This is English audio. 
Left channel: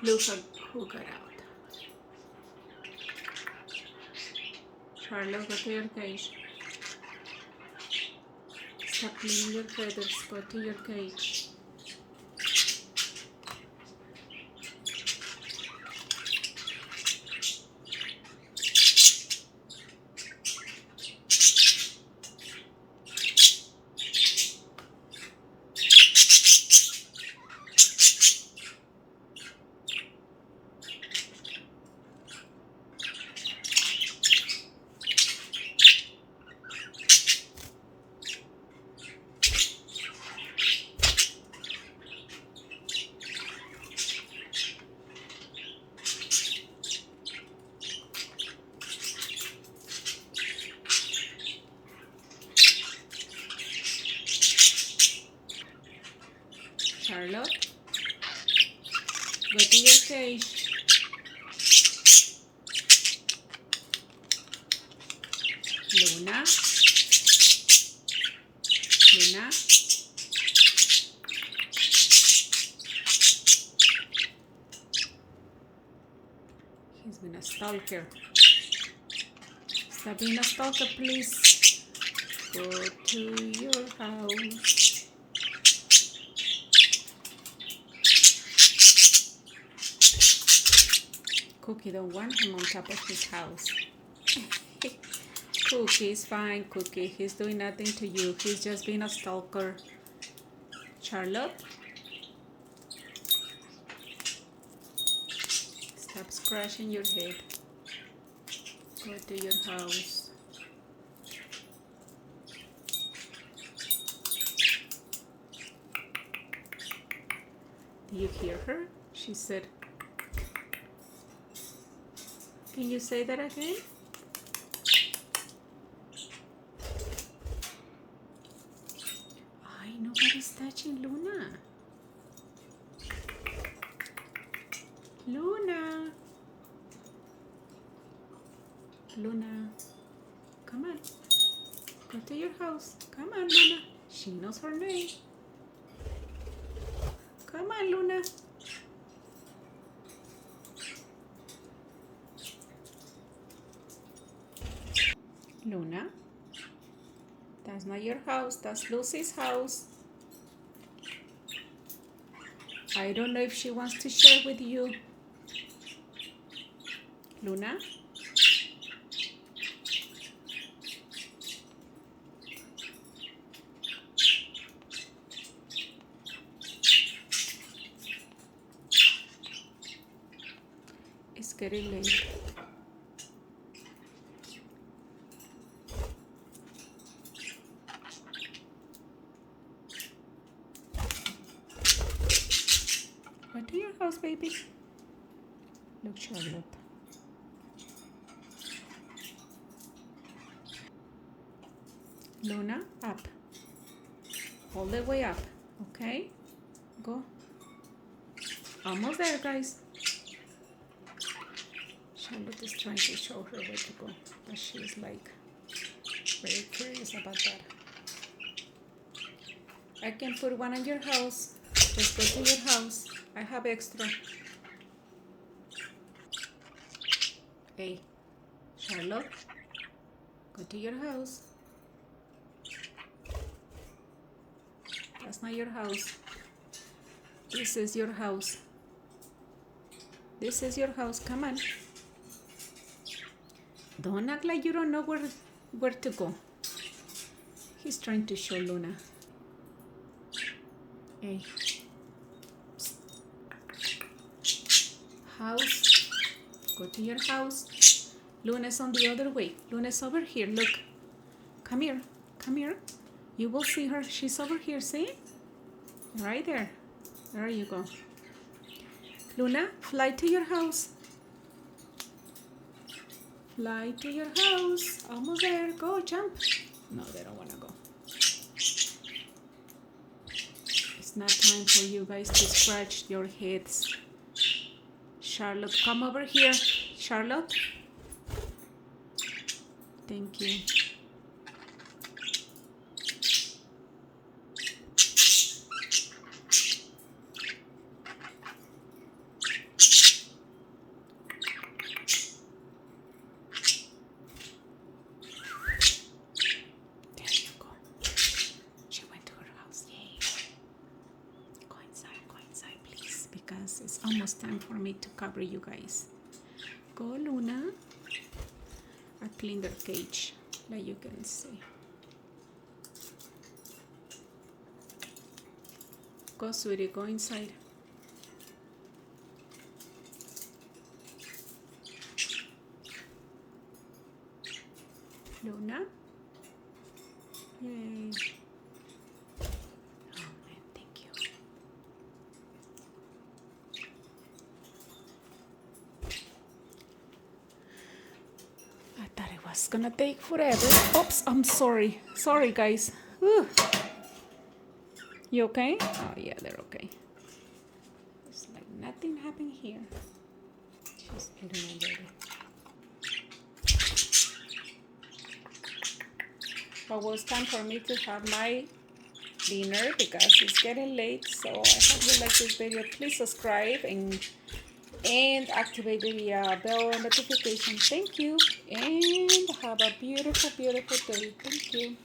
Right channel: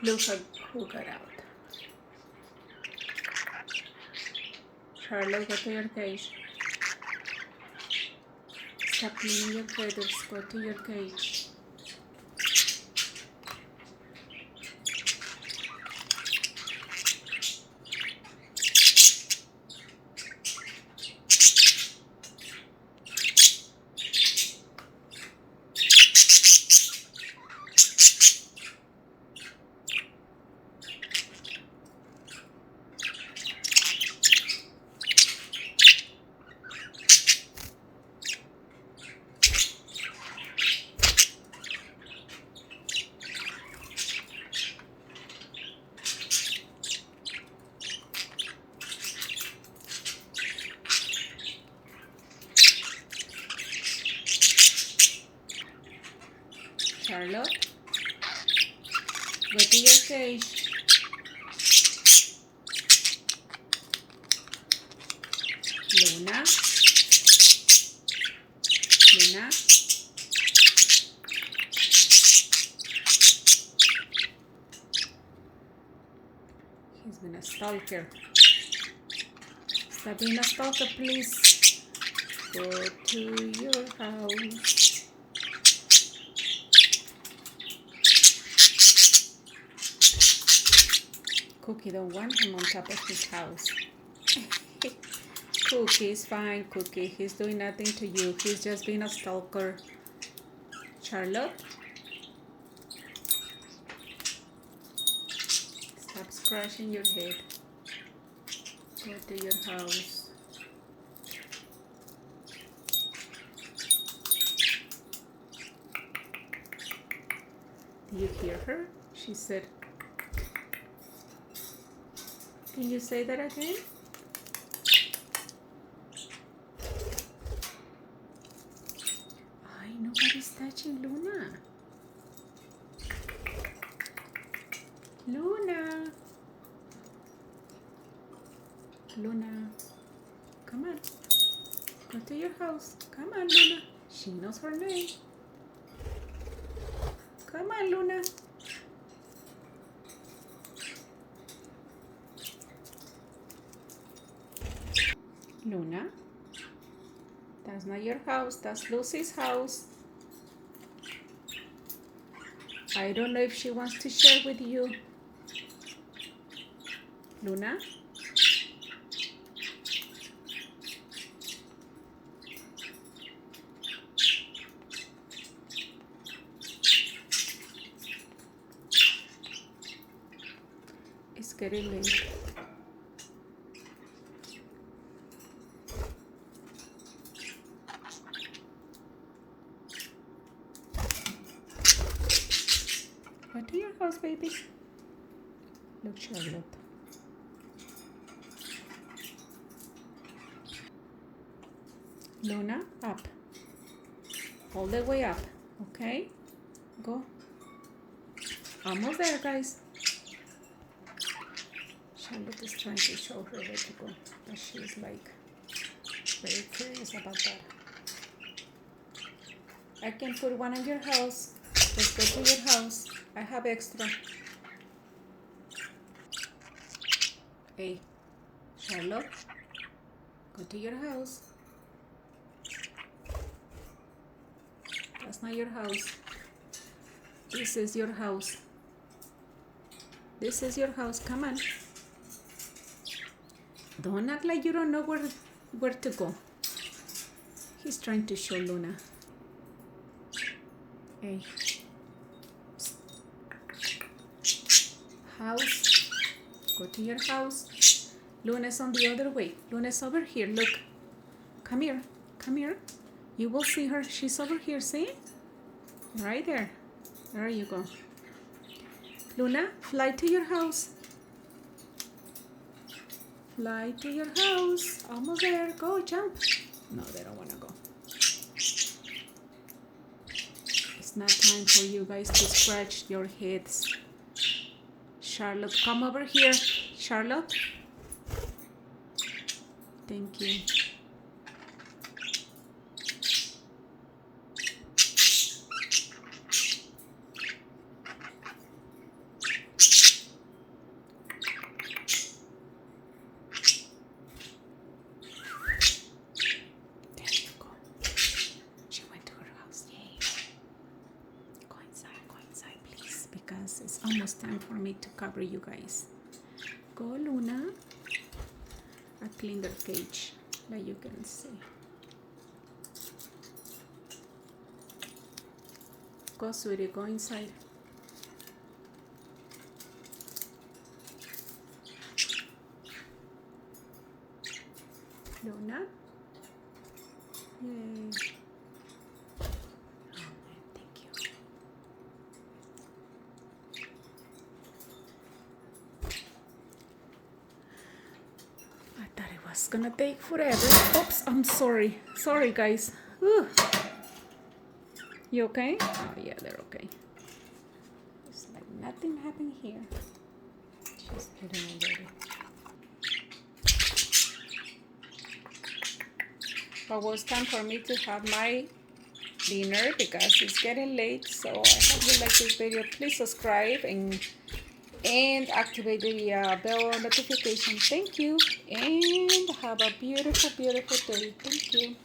Look who got out. Charlotte, go to your cage. Stop cleaning your feathers. Go to your cage. Charlotte, go to your cage. Luna, Luna. He's been a stalker. Stop being a stalker, please. Go to your house. Cookie don't want him on top of his house. Cookie is fine, Cookie. He's doing nothing to you. He's just being a stalker. Charlotte, stop scratching your head. Go to your house. Do you hear her? She said, can you say that again? Ay, nobody's touching Luna. Luna. Luna. Come on. Go to your house. Come on, Luna. She knows her name. Come on, Luna. Luna, that's not your house. That's Lucy's house. I don't know if she wants to share with you. Luna? It's getting late. Go to your house, baby. Look, Charlotte. Luna, up. All the way up, okay? Go. Almost there, guys. Charlotte is trying to show her where to go, but she's like very curious about that. I can put one in your house. Just go to your house. I have extra. Hey, Charlotte, go to your house. That's not your house. This is your house. This is your house. Come on. Don't act like you don't know where to go. He's trying to show Luna. Hey. House. Go to your house. Luna's on the other way. Luna's over here. Look. Come here. Come here. You will see her. She's over here. See? Right there. There you go. Luna, fly to your house. Fly to your house. Almost there. Go, jump. No, they don't want to go. It's not time for you guys to scratch your heads. Charlotte, come over here. Charlotte. Thank you. because it's almost time for me to cover you guys. Go, Luna. I clean their cage, like you can see. Go, sweetie, go inside. Luna. Yay. Oh man, thank you. I thought it was gonna take forever. Oops, I'm sorry. Sorry, guys. Whew. You okay? Oh yeah, they're okay. It's like nothing happened here. She's eating already. But it was time for me to have my dinner because it's getting late. So I hope you like this video. Please subscribe and activate the bell notification. Thank you, and have a beautiful, beautiful day. Thank you.